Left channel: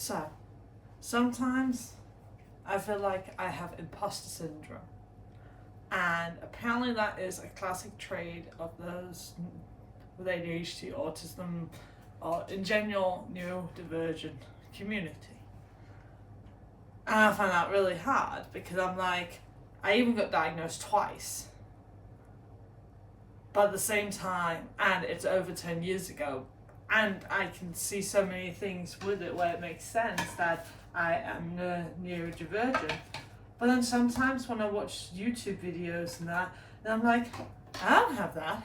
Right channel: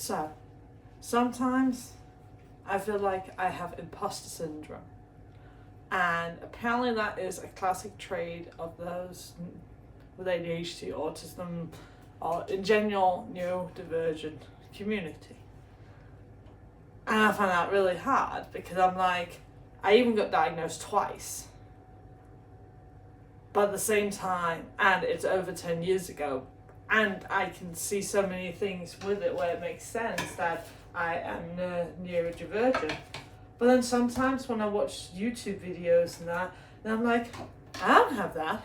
So, sometimes I feel like I have imposter syndrome. And apparently, that is a classic trait of those with ADHD, autism, or in general, neurodivergent community. And I find that really hard because I'm like, I even got diagnosed twice. But at the same time, and it's over 10 years ago, and I can see so many things with it where it makes sense that I am neurodivergent. But then sometimes when I watch YouTube videos and that, then I'm like, I don't have that.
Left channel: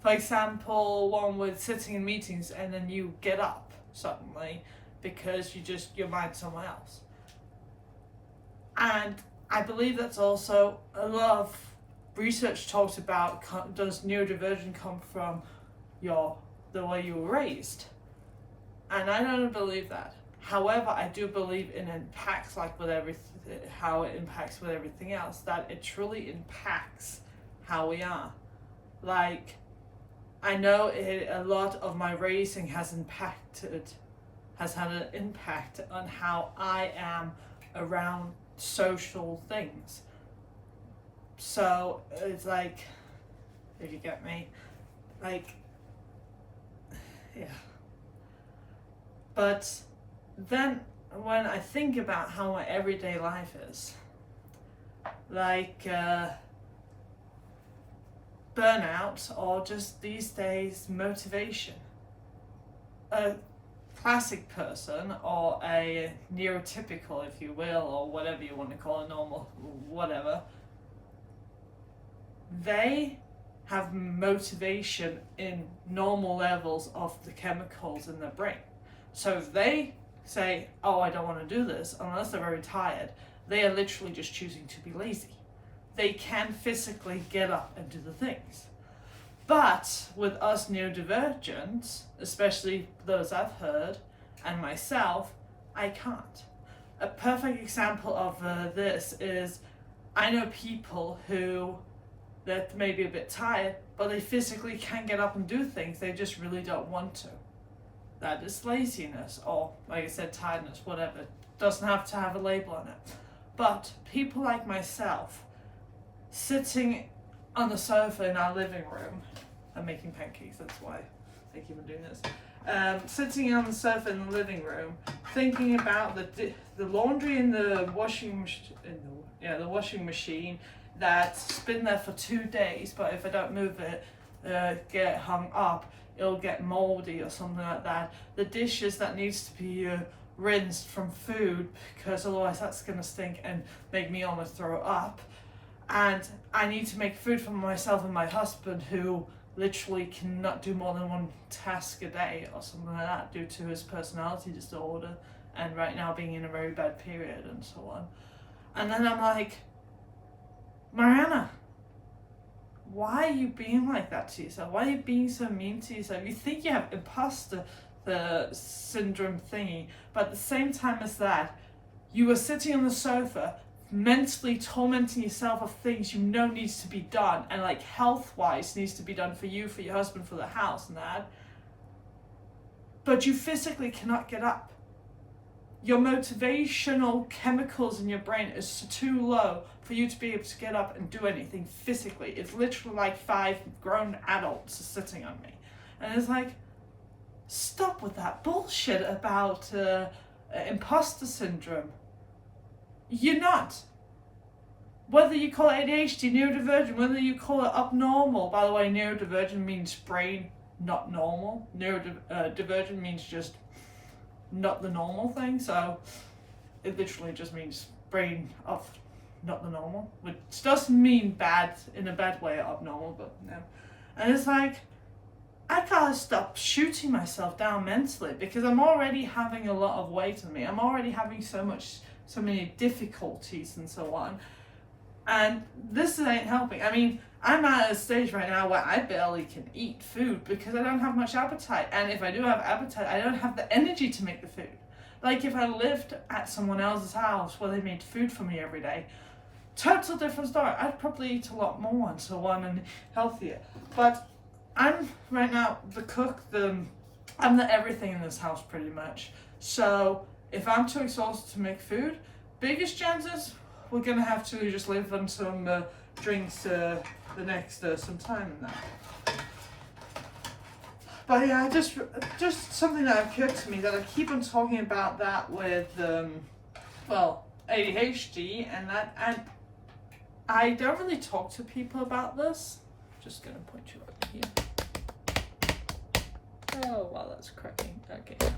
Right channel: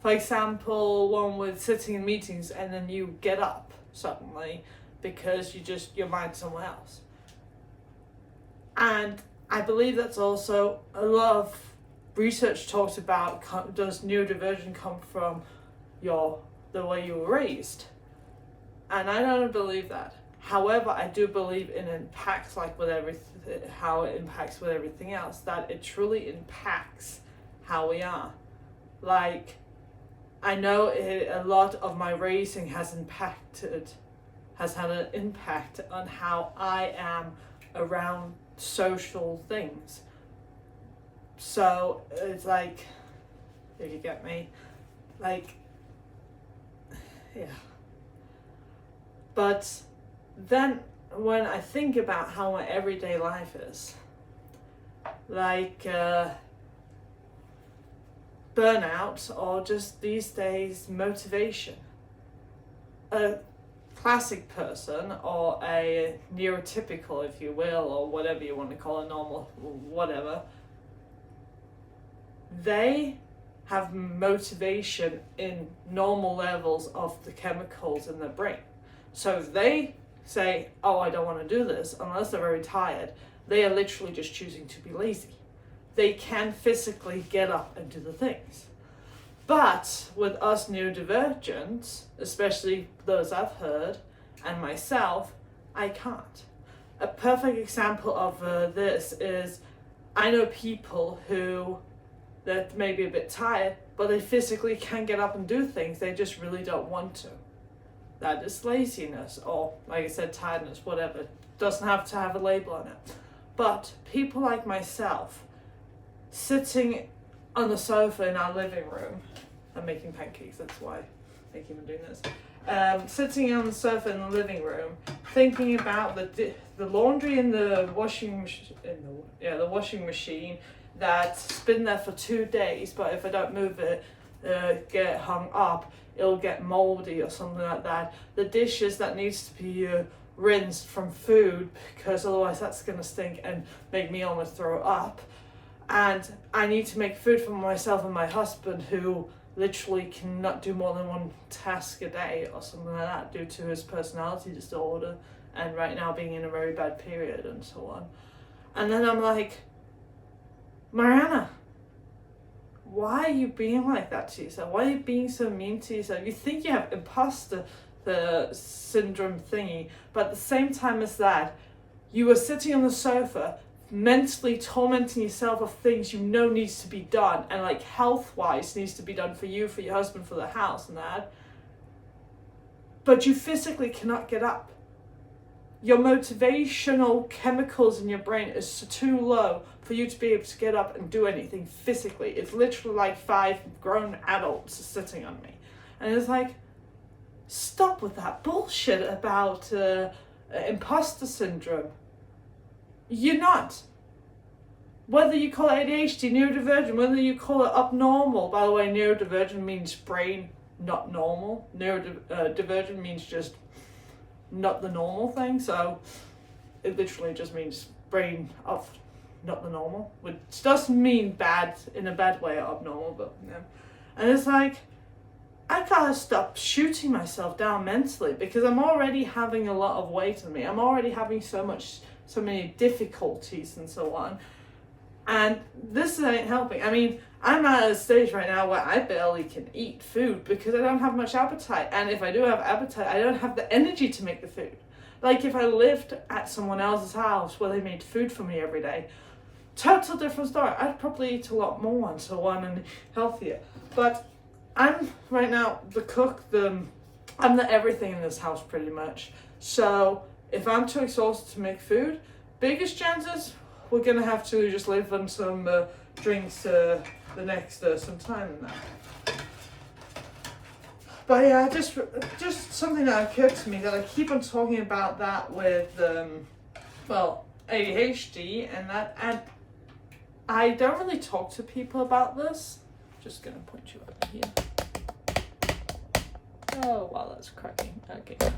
For example, one with sitting in meetings and then you get up suddenly because your mind's somewhere else. And I believe that's also a lot of research talks about, does neurodivergent come from the way you were raised? And I don't believe that. However, I do believe it impacts how it impacts with everything else, that it truly impacts how we are. Like, I know a lot of my raising has had an impact on how I am around social things. So it's like, if you get me, like, yeah. But then when I think about how my everyday life is, like burnout or just these days motivation, a classic person or a neurotypical, if you will, or whatever you want to call it, normal, whatever, they have motivation in normal levels of the chemicals in their brain. So if they say, oh, I don't want to do this, unless they're very tired, they are literally just choosing to be lazy. They can physically get up and do the things. But with us neurodivergents, especially those I've heard, and myself, I can't. A perfect example of this is, I know people who that may be a bit tired, but they physically can get up and do things, they just really don't want to. That is laziness, or like I said, tiredness, whatever. It doesn't have to have a label on it. But people like myself, sitting on the sofa in our living room, I'm making pancakes, that's why I keep on doing this. Sitting on the sofa in the living room, thinking about the laundry in the washing machine that's been there for 2 days, but if I don't move it, get hung up, it'll get moldy or something like that. The dishes that needs to be rinsed from food, because otherwise that's gonna stink and make me almost throw up. And I need to make food for myself and my husband, who literally cannot do more than one task a day or something like that due to his personality disorder and right now being in a very bad period and so on. And then I'm like, Mariana, why are you being like that to yourself? Why are you being so mean to yourself? You think you have imposter syndrome thingy, but at the same time as that, you were sitting on the sofa mentally tormenting yourself of things you know needs to be done, and like health-wise needs to be done for you, for your husband, for the house and that, but you physically cannot get up. Your motivational chemicals in your brain is too low for you to be able to get up and do anything physically. It's literally like 5 grown adults sitting on me. And it's like, stop with that bullshit about imposter syndrome. You're not. Whether you call it ADHD, neurodivergent, whether you call it abnormal, by the way, neurodivergent means brain not normal. Neurodivergent means just not the normal thing, so it literally just means brain of not the normal, which doesn't mean bad in a bad way or abnormal, but yeah. And it's like, I gotta stop shooting myself down mentally, because I'm already having a lot of weight on me. I'm already having so many difficulties and so on, and this ain't helping. I mean, I'm at a stage right now where I barely can eat food because I don't have much appetite, and if I do have appetite, I don't have the energy to make the food. Like if I lived at someone else's house where they made food for me every day, total different story. I'd probably eat a lot more and so on and healthier. But I'm right now the cook, I'm the everything in this house pretty much. So If I'm too exhausted to make food, biggest chances we're gonna have to just live on some drinks the next some time in that. But yeah, just something that occurred to me that I keep on talking about that with ADHD and I don't really talk to people about this. Just gonna point you over here. Oh wow, that's cracking. Okay.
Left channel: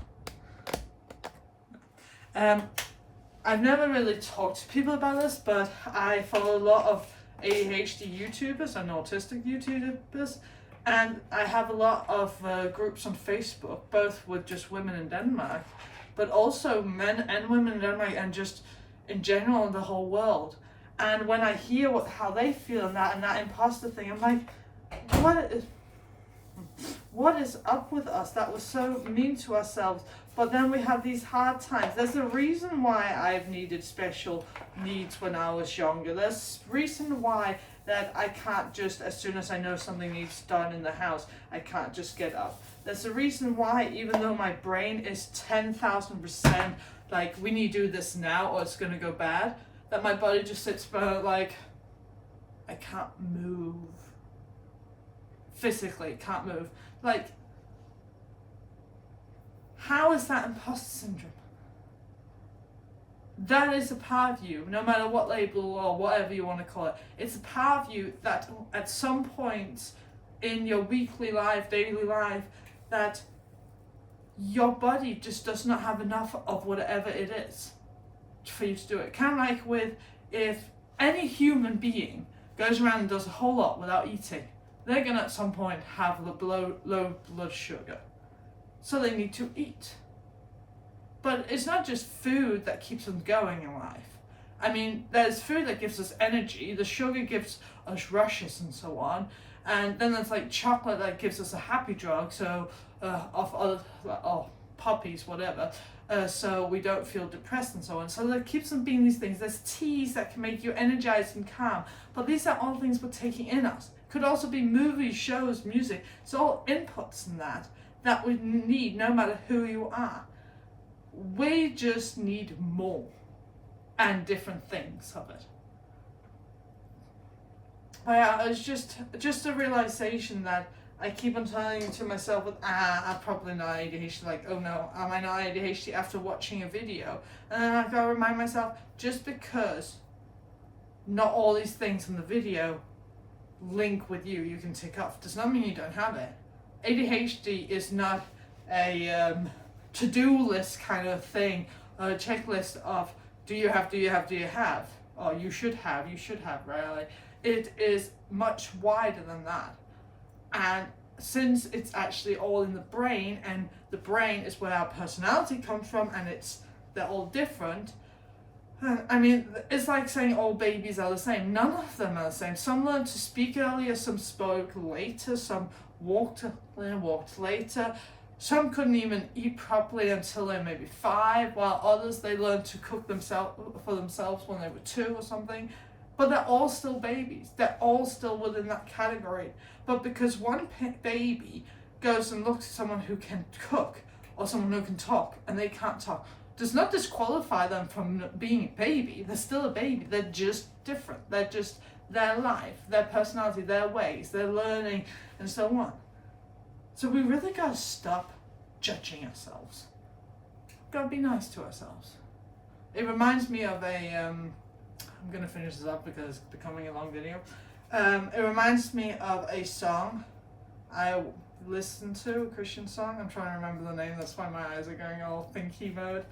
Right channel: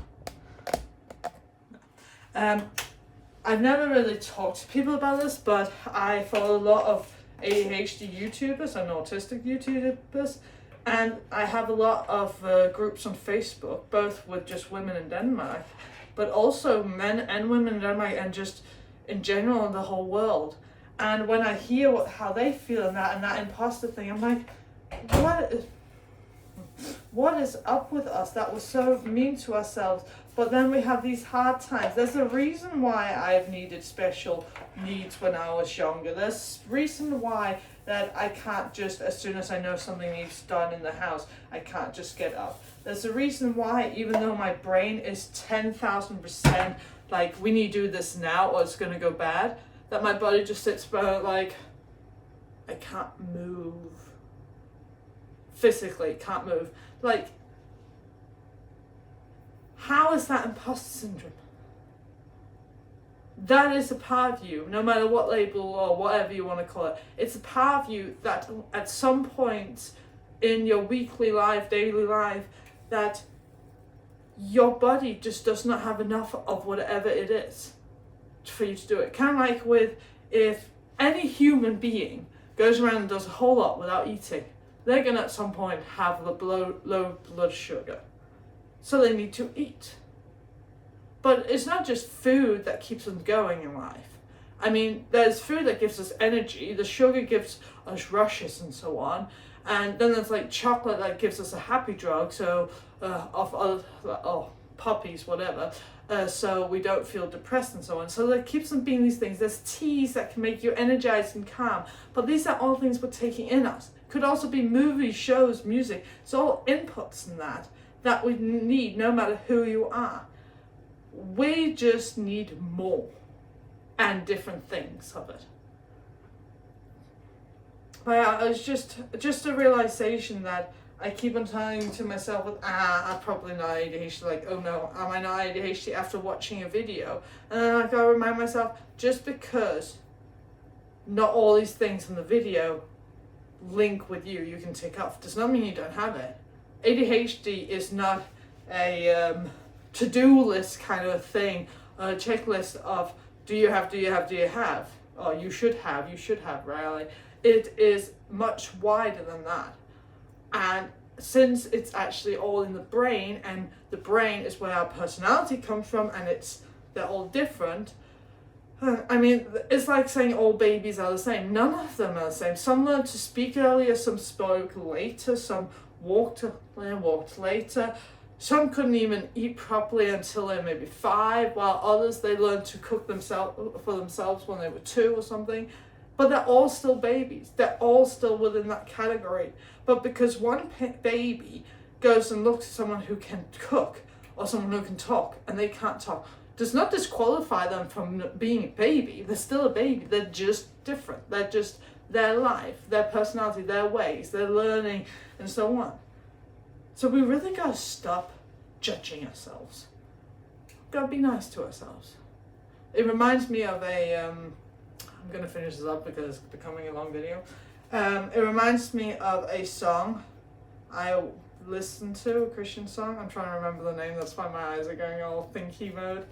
I've never really talked to people about this, but I follow a lot of ADHD YouTubers and autistic YouTubers, and I have a lot of groups on Facebook, both with just women in Denmark, but also men and women in Denmark, and just in general in the whole world. And when I hear how they feel and that imposter thing, I'm like, what is up with us that we're so mean to ourselves? But then we have these hard times. There's a reason why I've needed special needs when I was younger. There's a reason why that I can't just, as soon as I know something needs done in the house, I can't just get up. There's a reason why, even though my brain is 10,000% like, we need to do this now or it's going to go bad, that my body just sits by like, I can't move. Physically, can't move. Like, how is that imposter syndrome? That is a part of you, no matter what label or whatever you want to call it. It's a part of you that at some point in your weekly life, daily life, that your body just does not have enough of whatever it is for you to do it. Kind of like with, if any human being goes around and does a whole lot without eating, they're going to at some point have low blood sugar. So they need to eat. But it's not just food that keeps them going in life. I mean, there's food that gives us energy, the sugar gives us rushes and so on, and then there's like chocolate that gives us a happy drug, so puppies, whatever, so we don't feel depressed and so on. So it keeps them being these things. There's teas that can make you energized and calm, but these are all things we're taking in us. Could also be movies, shows, music. It's all inputs in that we need, no matter who you are. We just need more and different things of it. But yeah, it's just a realization that I keep on telling to myself, I'm probably not ADHD, like, oh no, am I not ADHD after watching a video? And then I've got to remind myself, just because not all these things in the video link with you can tick off, does not mean you don't have it. ADHD is not a to-do list kind of thing, a checklist of do you have, or you should have, really. It is much wider than that. And since it's actually all in the brain, and the brain is where our personality comes from, and they're all different. I mean, it's like saying all babies are the same. None of them are the same. Some learned to speak earlier, some spoke later, some walked later. Some couldn't even eat properly until they were maybe 5, while others, they learned to cook for themselves when they were 2 or something. But they're all still babies. They're all still within that category. But because one baby goes and looks at someone who can cook or someone who can talk and they can't talk, does not disqualify them from being a baby. They're still a baby. They're just different. They're just their life, their personality, their ways, their learning, and so on. So we really got to stop judging ourselves. Got to be nice to ourselves. It reminds me of I'm going to finish this up because it's becoming a long video. It reminds me of a song I listened to, a Christian song. I'm trying to remember the name, that's why my eyes are going all thinky mode.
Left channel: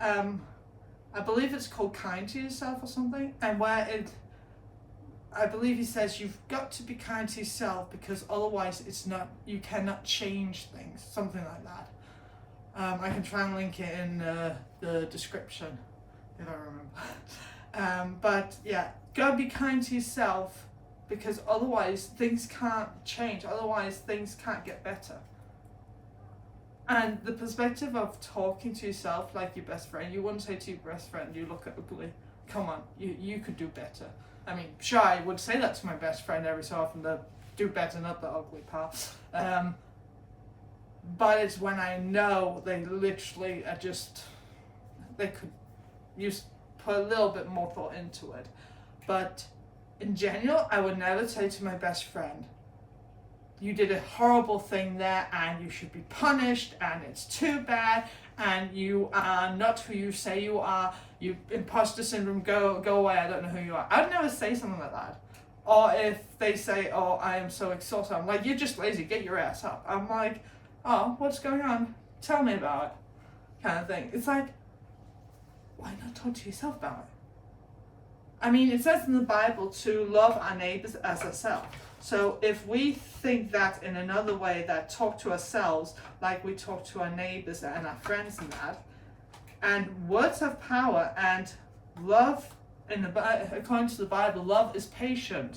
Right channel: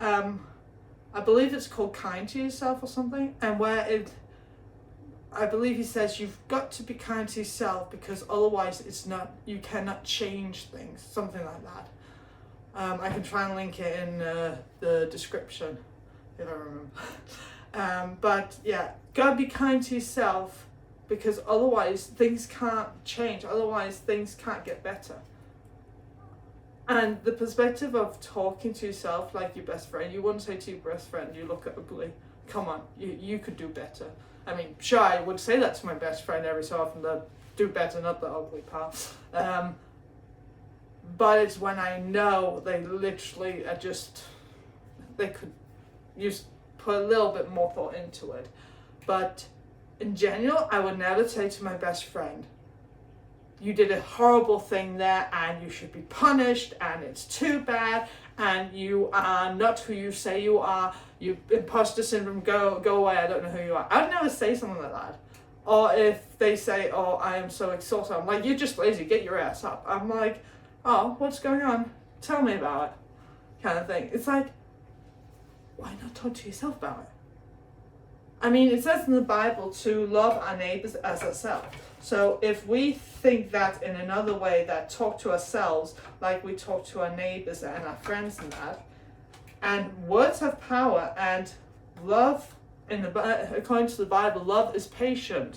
I believe it's called Kind to Yourself or something, and I believe he says you've got to be kind to yourself because otherwise you cannot change things, something like that. I can try and link it in the description if I remember. But yeah, gotta be kind to yourself because otherwise things can't change, otherwise things can't get better. And the perspective of talking to yourself like your best friend, you wouldn't say to your best friend, you look ugly, come on, you could do better. I mean, sure, I would say that to my best friend every so often, that do better, not the ugly part. But it's when I know they literally are they could put a little bit more thought into it. But in general, I would never say to my best friend, you did a horrible thing there and you should be punished and it's too bad and you are not who you say you are, you imposter syndrome, go away, I don't know who you are. I'd never say something like that. Or if they say, oh, I am so exhausted, I'm like, you're just lazy, get your ass up. I'm like, oh, what's going on? Tell me about it, kind of thing. It's like, why not talk to yourself about it? I mean, it says in the Bible to love our neighbors as ourselves. So if we think that in another way, that talk to ourselves like we talk to our neighbors and our friends and that, and words have power, and love, according to the Bible, love is patient.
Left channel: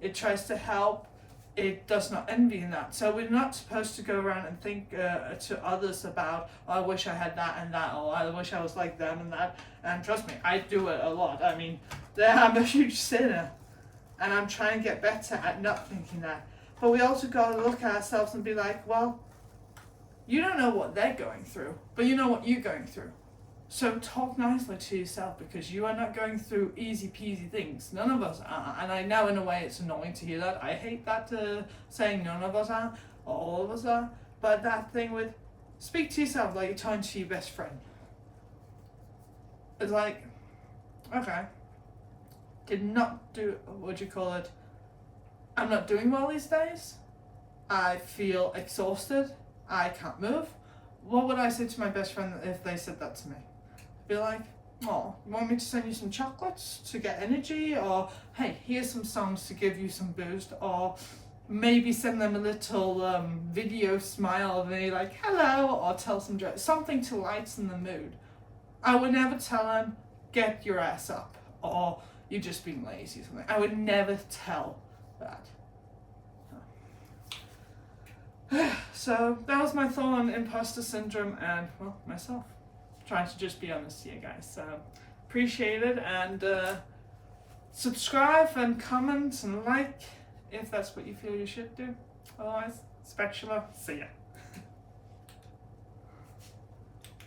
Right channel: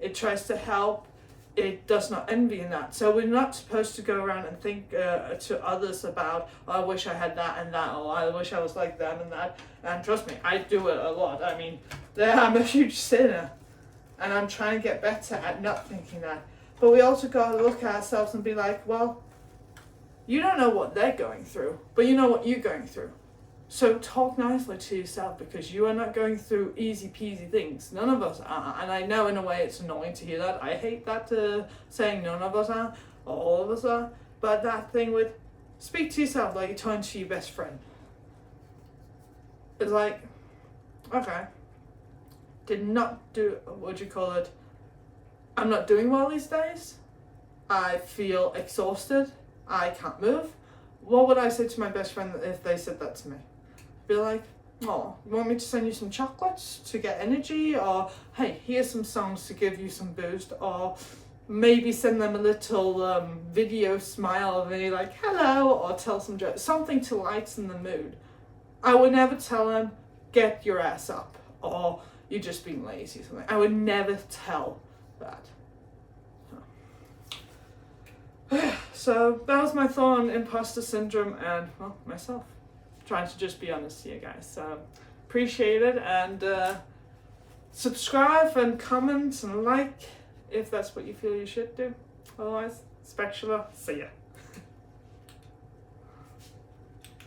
It tries to help. It does not envy in that. So we're not supposed to go around and think to others about, oh, I wish I had that and that, or I wish I was like them and that. And trust me, I do it a lot. I mean, I'm a huge sinner, and I'm trying to get better at not thinking that. But we also got to look at ourselves and be like, well, you don't know what they're going through, but you know what you're going through. So talk nicely to yourself, because you are not going through easy peasy things. None of us are. And I know in a way it's annoying to hear that. I hate that saying none of us are, or all of us are. But that thing with speak to yourself like you're talking to your best friend. It's like, okay, did not do, what do you call it? I'm not doing well these days. I feel exhausted. I can't move. What would I say to my best friend if they said that to me? Be like, oh, you want me to send you some chocolates to get energy? Or, hey, here's some songs to give you some boost. Or maybe send them a little video smile of me like, hello, or tell some jokes. Something to lighten the mood. I would never tell them, get your ass up, or you're just being lazy or something. I would never tell that. So that was my thought on imposter syndrome and, well, myself. Trying to just be honest here, guys. So appreciate it, and subscribe and comment and like if that's what you feel you should do. Otherwise, spatula, see ya.